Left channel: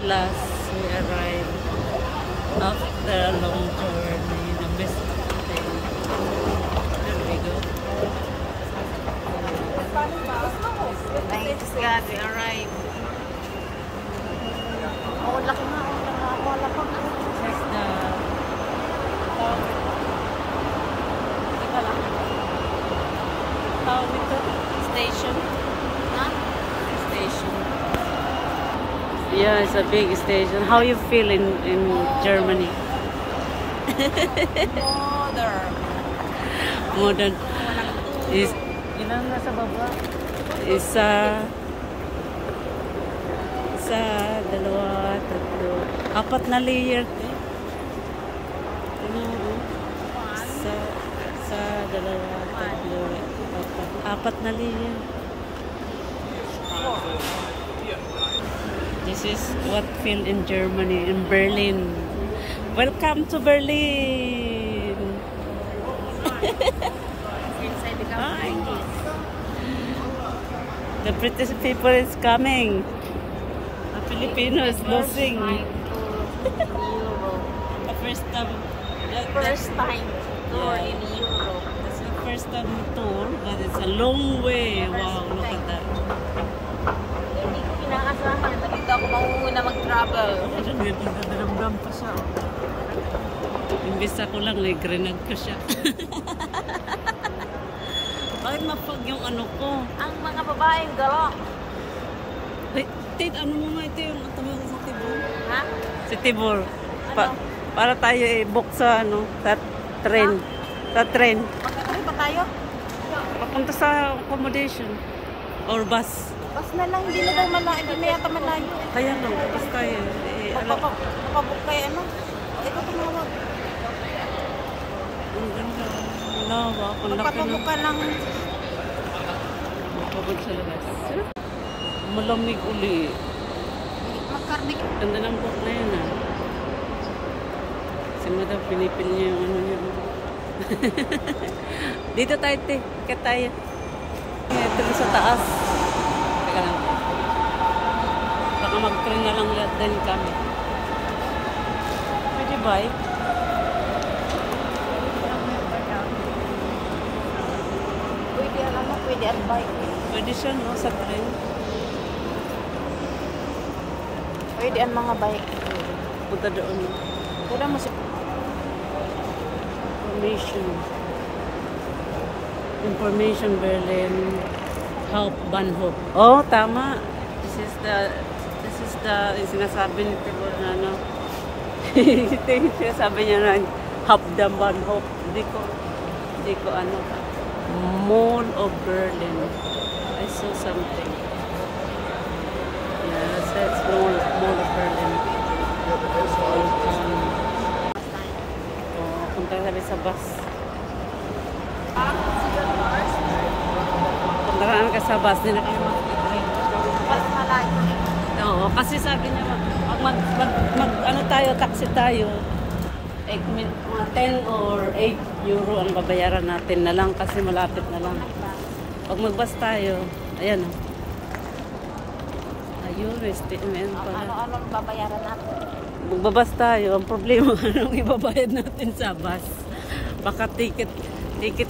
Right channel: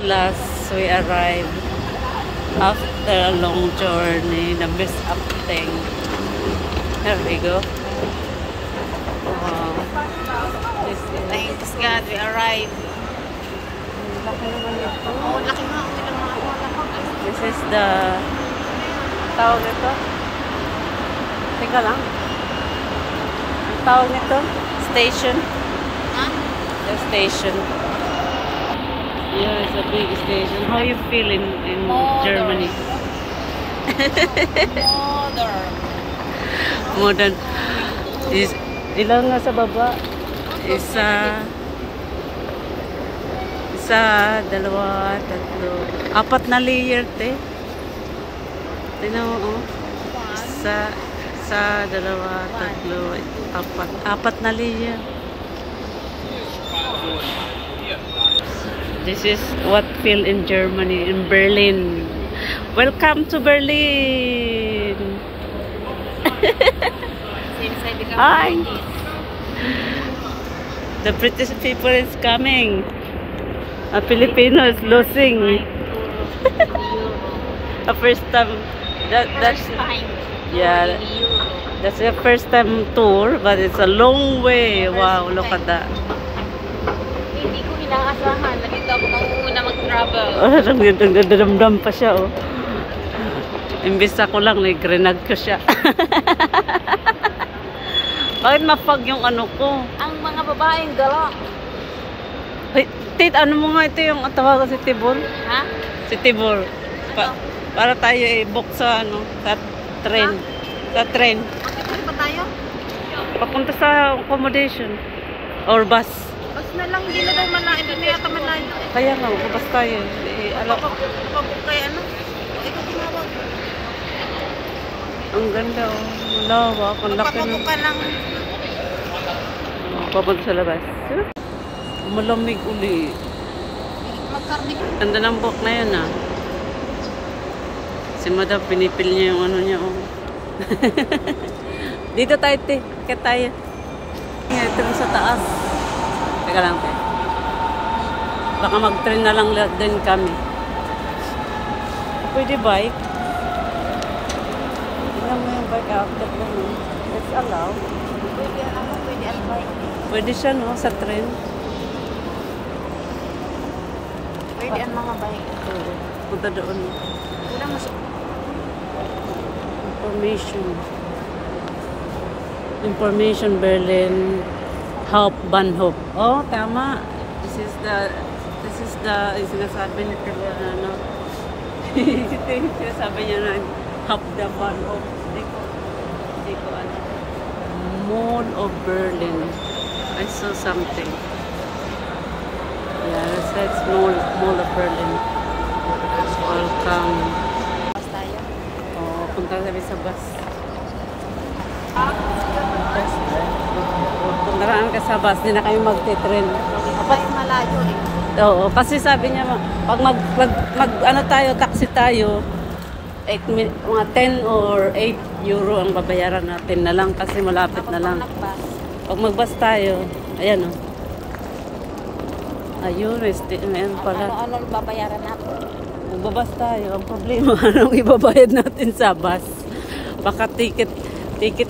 Last we arrived after a long journey, the best up thing. There we go. Wow. Thanks God, we arrived. Oh, laki nga. This is the tawag nito. Teka lang. Tawag nito. Station. Huh? The station. Yeah, it's a big station. How you feel in Germany? Modern. Is ilang nasa baba? Isa, dalawa, tatlo, apat na layer, te. Tingnan mo, oh. Isa, dalawa, tatlo, apat na layer. This is what feel in Germany, in Berlin. Welcome to Berlin. Hi. The British people is coming. A Filipino is losing. A first time. That's yeah. That's the first time tour, but it's a long way. Wow, look at that. Hindi ko inaasahan. Nalito ako nung una mag-travel. Nagdadamdam pa siya, oh. Imbis ako lang, nag-grenag ko siya. Bakit mapag yung ano ko? Ang mga babaeng dala. Hey, Tit, ano mo nga ito yung tawagan si Tibor? Ha? Si Tibor. Para tayo i-book sa ano, sa train. Sa train. Magkakaroon pa tayo? Papunta sa accommodation. Or bus. Bas na lang, hindi na daw malayo. Hindi na yata malayo. Kaya nga, bus tayo. Alam. Kaya ano? Ang ganda, oh. Malawak. Ang laki na. Papunta sa labas. Malamig uli. Magkarnik. Ganda ng book na yun, ah. Si Madam, pinipil niya yung ano niya, oh. Dito tayo, te. Akit tayo. Ito sa taas. Teka lang, te. Baka mag-train na lang din kami. Pwede bike. Ilang mo yung bike out. It's allowed. Pwede ang bike. Pwede siya, no? Sa train. Pwede ang mga bike. Oo. Punta doon. Wala masuk. Information Berlin Hauptbahnhof. Oh, tama. This is the sinasabi ni Tibor na ano. Sabi niya na Hauptbahnhof. Hindi ko ano. Mall of Berlin. I saw something. Yeah, that's Mall of Berlin. Welcome. Oh, punta kami sa bus. Punta kami sa bus, di na kami mag-train. Bas malayo. Oo, kasi sabi niya, pag ano tayo, taxi tayo, mga 10 or 8 euro ang babayaran natin na lang kasi malapit na lang. Pag mag-bus tayo, ayan o. Ayun, ayan pala. Ano babayaran natin? Magbabas tayo. Ang problema, anong ibabayad natin sa bus? Baka ticket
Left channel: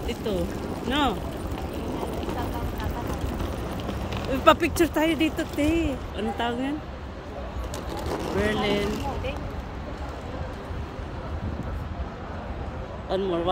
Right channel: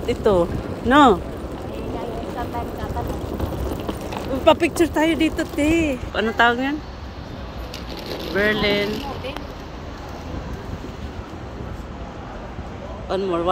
ito. No? Pa-picture tayo dito, te. Ano tawag yan? Berlin. One more.